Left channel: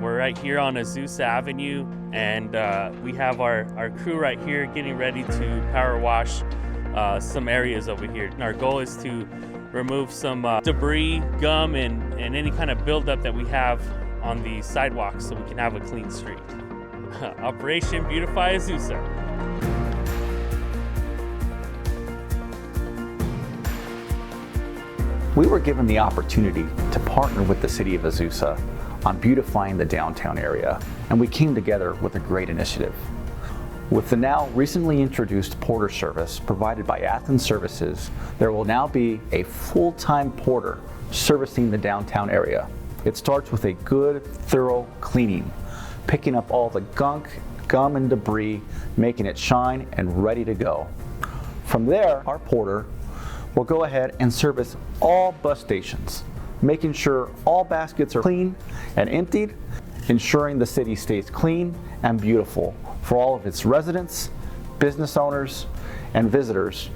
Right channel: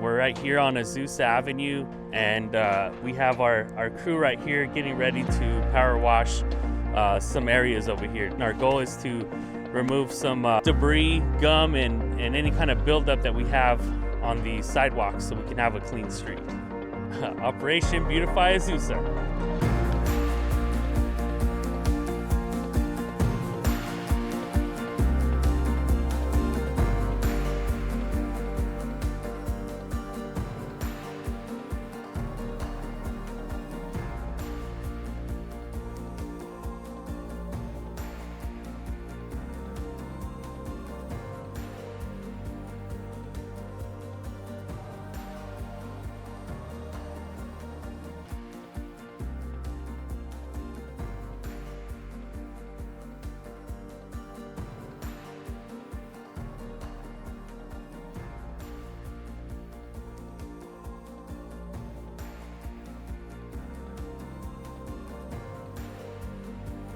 We're right here on Azusa Avenue, and we have our crew right here getting ready to power wash some areas over here. And our goal is to remove some debris, gum, and any kind of buildup that we have on the sidewalks so we can have a clean street. Operation Beautify Azusa. We were given the opportunity to partner with the City of Azusa on beautifying the downtown area, and we came together with a great initiative. With the now recently introduced porter service provided by Athens Services, there will now be a full-time porter servicing the downtown area. It starts with a good, thorough cleaning, picking up all the gunk, gum, and debris, making it shine and ready to go. From there, our porter will go ahead and service all bus stations, making sure all baskets are clean and emptied, ensuring the city stays clean and beautiful for all of its residents, business owners, and visitors,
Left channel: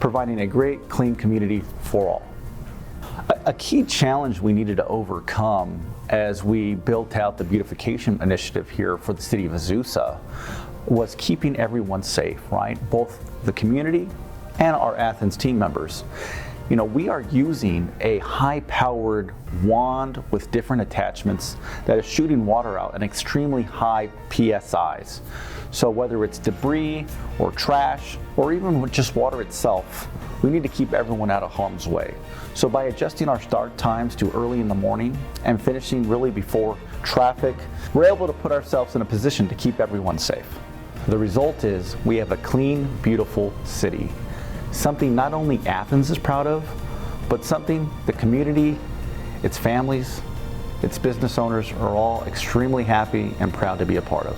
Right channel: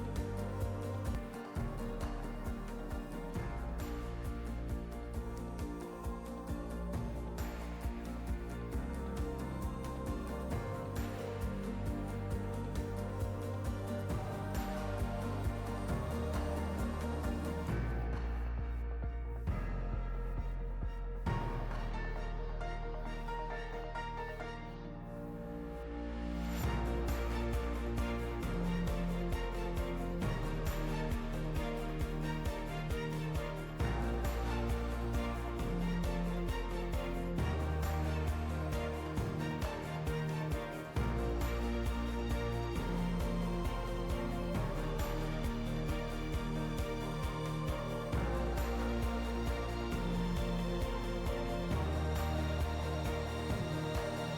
providing a great, clean community for all. A key challenge we needed to overcome as we built out the beautification initiative here for the City of Azusa was keeping everyone safe, right? Both the community and our Athens team members. You know, we are using a high-powered wand with different attachments that is shooting water out at extremely high PSIs. So whether it's debris or trash or even just water itself, we need to keep everyone out of harm's way. So by adjusting our start times to early in the morning and finishing really before traffic, we're able to put ourselves in a position to keep everyone safe. The result is we have a clean, beautiful city. Something not only Athens is proud of, but something the community, its families, its business owners are all extremely happy and proud to be a part of.